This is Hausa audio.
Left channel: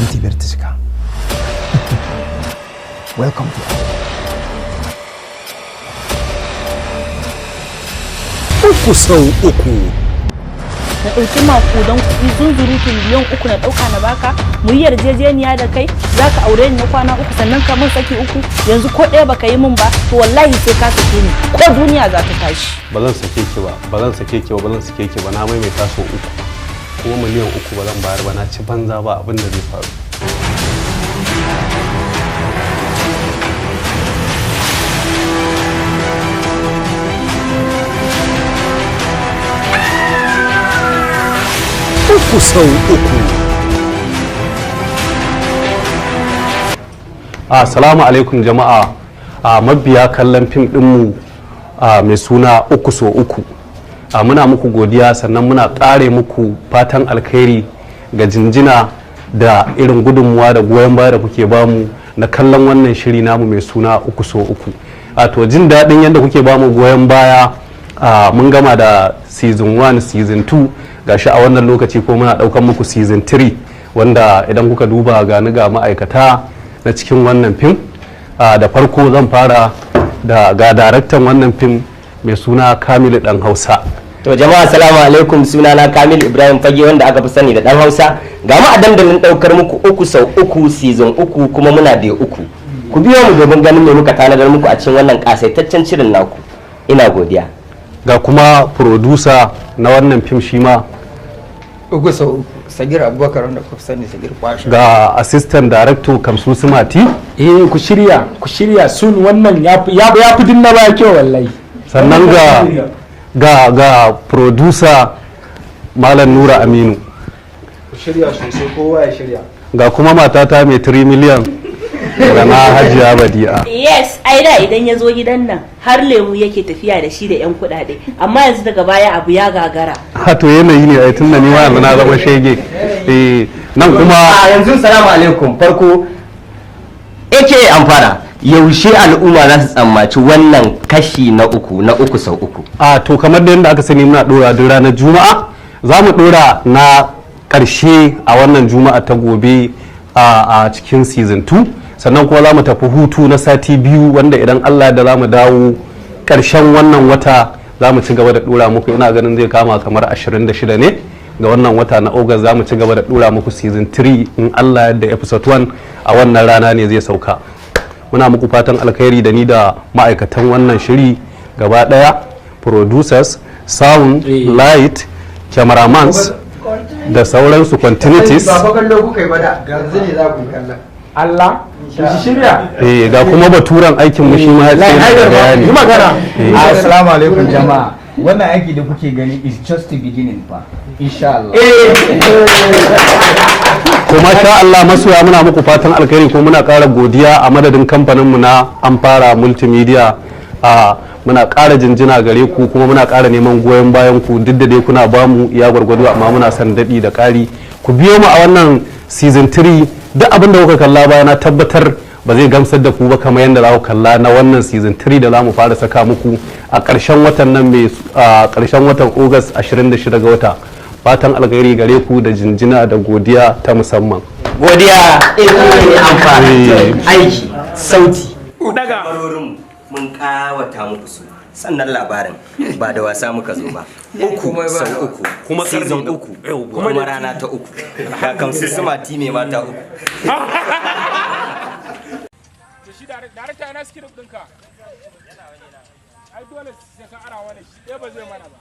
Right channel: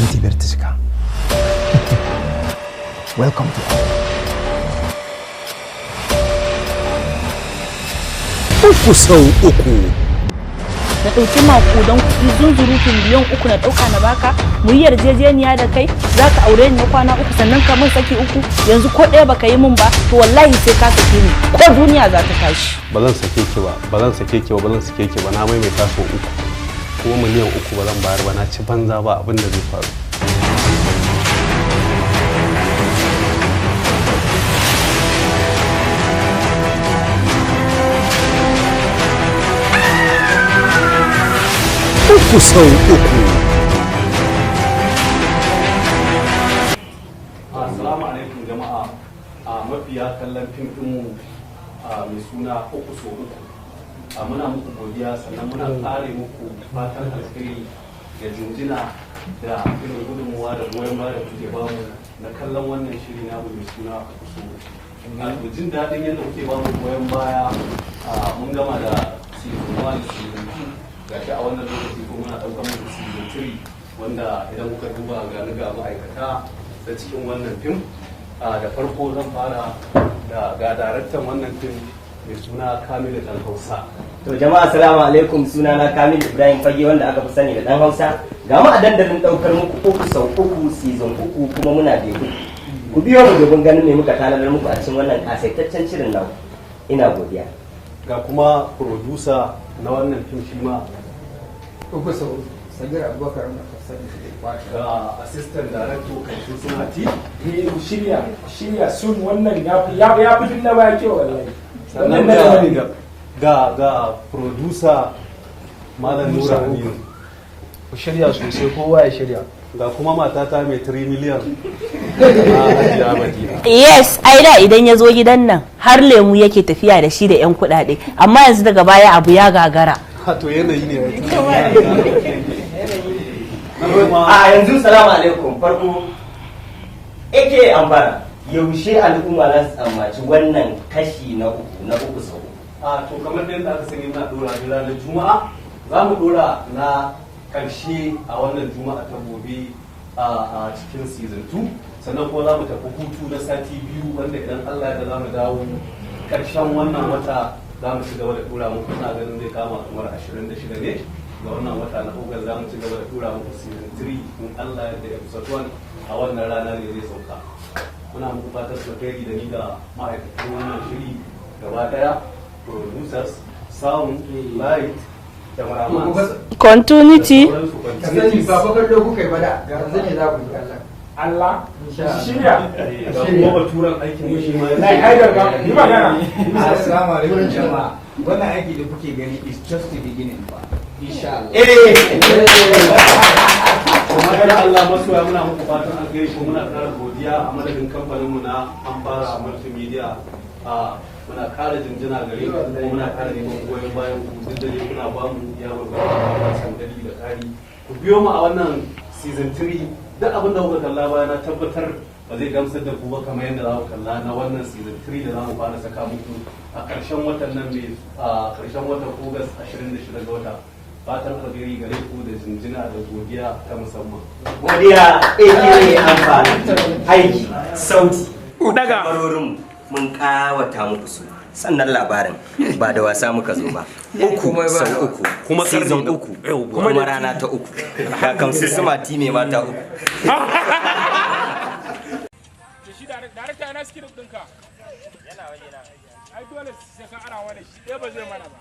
minti biyar ta cika. Welcome to Uku sau uku. Na ɗauki maƙudan kuɗi zunzurutun miliyan 3 na ɗauka na baka, mu yi yarjejeniya da kai za ka aure ni na kwana 3 sannan ka min saki 3, yanzu ko ɗaya baka yi min ba to wallahi sai ka sake ni ko duniya za ta tashi. Ba zan sake ki ba, ba zan sake ki ba, ba zan sake ki ba, na maimaita sau 3 kuma miliyan 3 ba zan bayar ba, na ci banza ba abin da zai faru. Uku sau uku. Assalamu alaikum jama'a, mabiya kallon fim ɗinmu mai suna Uku sau uku. Muna muku godiya sannan muna ƙare muku fatan alkhairi ga jinjina da irin gudunmuwa da goyon baya da kuke bamu na kallon wannan shiri namu mai suna Uku sau uku. To jin daɗin yadda kuke bamu goyon baya, mun gama da season 1 season 2 gashi a wannan lokaci ko muna daukan muku season 3 wanda idan kuka duba gani ga ma'aikata na cikin wannan fim. Da farko zan fara da ga daraktan wannan fim mai suna Kamilu Dan Hausa. To jama'a assalamu alaikum, sunana Kamil Ibrahim Fage wanda aka fi sani da Dan Hausa. Ga mu a dandalin daukar muku Uku sau uku season 3 kuma muna da 3. Ku biyo mu domin ganin me muka tanadar muku a cikin wannan kasaitaccen shirin naku. Ina godiya. Ga kuma producer na wannan fim shi ma Uku sau uku, Sagir Abubakar wanda ku sani Sagir Kwashe. ga assistant director Kamsu Sumati, ku shirya sun wannan ya fi dinna ba kyau wallahi. sannan ga producer Malam Nura Aminu, ku shirya sosai, kowa ya shirya. ga kuma matata mai 3 miliyan da na Hajiya Badi'a. Yes, ai da idan ya zo gidan nan har lemu yake tafiya da shi da 'yan kuɗaɗe, amma yanzu daga baya abu ya gagara. To yanayi ne ai tunda ni ma yanzu na zama shege. Nan kuma yanzu salamu alaikum, farko ake amfana yaushe al'umma za su tsammaci wannan kashi na uku sau uku. to kamar da yadda aka sani muna dora duk ranar Juma'a, za mu dora na karshe a wannan Juma'a ta gobe a cikin season 2, sannan kuma za mu tafi hutu na sati 2 wanda idan Allah da za mu dawo karshen wannan wata za mu ci gaba da dora muku, ina ganin zai kama kamar 26 ne ga wannan wata na August, za mu ci gaba da dora muku season 3 in Allah yadda episode 1 a wannan rana ne zai sauka. Muna muku fatan alkhairi da ni da ma'aikatan wannan shiri gaba daya, producers, sound, light, cameramans da sauransu, continuities. Ba fa kallo kuka yi ba da yanzu ne za ku kalla. Allah shirya. Ga kuma baturan aikin mu shi ma ya ce bayani. Yi magana. Assalamu alaikum jama'a. Wannan aiki da kuke gani is just the beginning fa. Insha Allah. Kuma sha Allah masoya, muna muku fatan alkhairi ko muna ƙara godiya a madadin kamfaninmu na Amfara Multimedia. Muna ƙara jinjina gare ku kuma muna ƙara neman goyon bayan ku, duk da dai kuna bamu iya gwargwado amma muna son daɗi da ƙari. Ku biyo mu a wannan season 3, duk abin da kuka kalla baya na tabbatar ba zai gamsar da ku ba kamar yadda za ku kalla na wannan season 3 da za mu fara saka muku a ƙarshen watan nan mai ƙarshen watan August 26 ga wata. Fatan alkhairi gare ku da jinjina da godiya ta musamman. Godiya amfani aiki sauti daga mun kawata muku su, sannan labarin ba da wasa muka zo ba. Uku sau uku kuma season 3 kuma rana ta 3 ga Kamsu Sumati mai mata 3. Shi darakta yana script ɗinka. Ai dole sai ka ara wani shi ɗaya ba zai mana ba.